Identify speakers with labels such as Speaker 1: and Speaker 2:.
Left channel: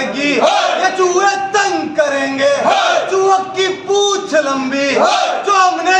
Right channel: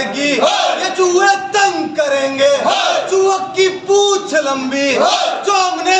Speaker 1: करेगी। ये चूहे तंग करेंगे। चूहक की पूछ लंबी। जो हमने